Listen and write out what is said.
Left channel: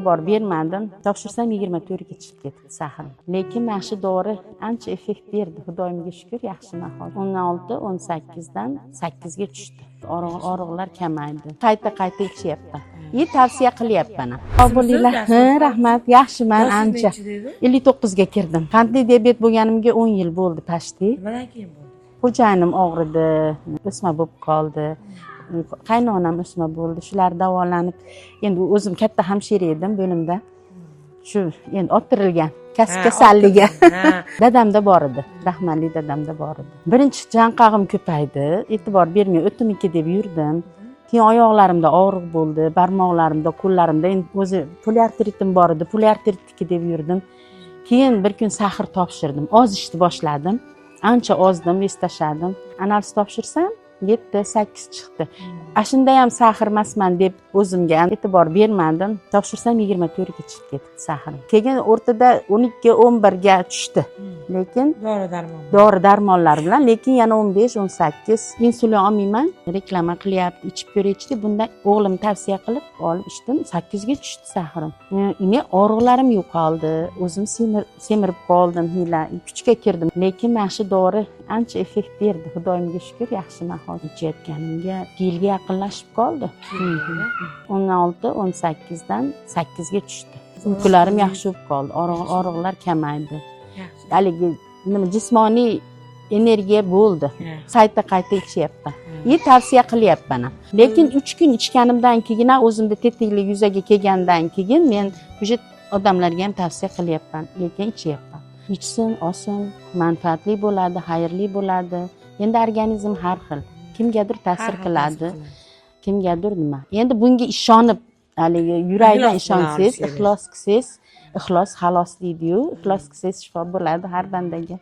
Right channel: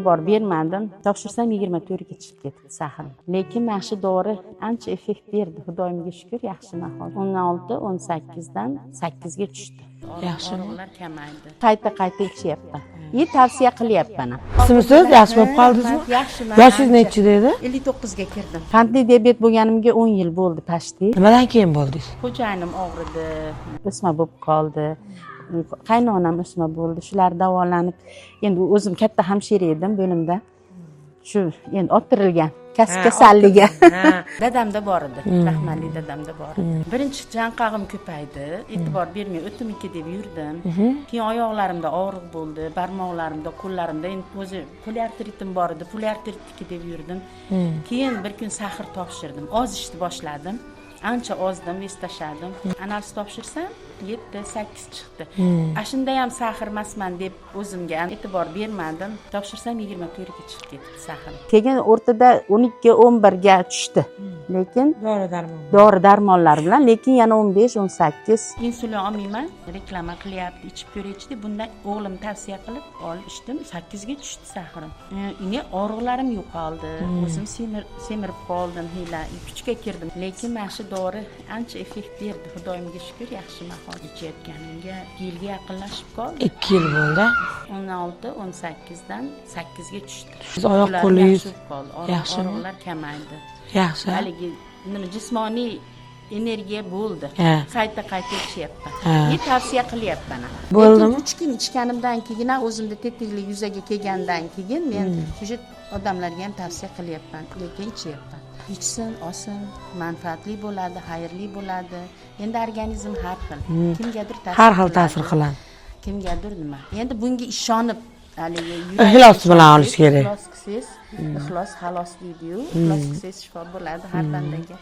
e'tibor bermadim. Topshirsam 24 ga chiqib ketdi sahrim. Lekin mana shu dori ancha effekt berdi. Xudoyimga shukr, yaxshiman hozir. 16, 18 dan 8 ga tushdi. Og'riqlar kamaydi. Qayta ichyapman. Tavsiya qilyapman. Sizsiz yaxshi bo'lib qoldingiz? Yaxshiman. Yoshingiz necha dedi? 59 ga kirdim. Qandli diabet bo'lganimga 10 yil bo'ldi pashti. Nimadan keyin bo'ldingiz? Xo'jayinim og'ridi, o'sma bo'lib qoldi. Qaynonam o'sma bo'ldi. Shular davolanib, endi o'zim katta hamshira edim bo'limda. Shu endi orttirilgan kasb kasalligi. Dadamda bor edi, rahmatli dadamda bor edi. Birinchi janqog'im ko'paydi, e'tibor bermay o'timiki deb yurdim. Keyin oyoqlarimda og'riq bo'ldi, barmoqlarimda, qo'llarimda endi o'zi poliartritim bor edi, poliartritniki deb yurdim. Keyin bir kun sahr topshirdim, ozishni boshladim. Ancha ozdim, vez tashladim. Analiz topshirsam 7-8 chiqdi. Shunda ham sahr emasman deb o'zimga ham e'tibor bermadim. Topshirsam 24 ga chiqib ketdi sahrim. Keyin o'rtada 12-11 ga tushdi. Lekin dori darmonlar bilan, lekin yana 15-18 insulin olmayman, reklama qilyapti, ichib ko'raychi. Bundan o'g'lim tavsiya qilib olib ichdim, 8 ga tushdi sahrim. Endi og'riqlarim yo'qoldi. O'zim semirib qoldim, kuchga kirdim. Lekin mana shu dori ancha effekt berdi. Xudoyimga shukr, yaxshiman. Ichayotganimga 2 yilga yaqinlashib qoldi. 2 yil bo'ldi. 16-18 dan 8 ga tushdi. Oyoqlarim yaxshi bo'lib qoldi. Og'riqlar kamaydi. Yaxshi. Haligi jismoniy energiya bo'ldi. Qayta ichyapman. Tavsiya qilyapman. Lekin 3 kun ichganimdan keyin o'zimda tetiklik yuzaga kelgandan keyin men o'sha odamlarga ham tavsiya qilyapman. Lekin ichyapman. Ichsin, olsin, manfaatli bo'ladi, xayrli bo'ladi. Endi organizm har xil. Kimgadir ta'sir qiladi. Kimgadir nima. Endi bunga ishonib, haligi ixlos bilan olish kerak. Ixlos qilsangiz, ixlos xalos deydi-yu. Ixlos qilsangiz shifo bo'ladi har bandaga.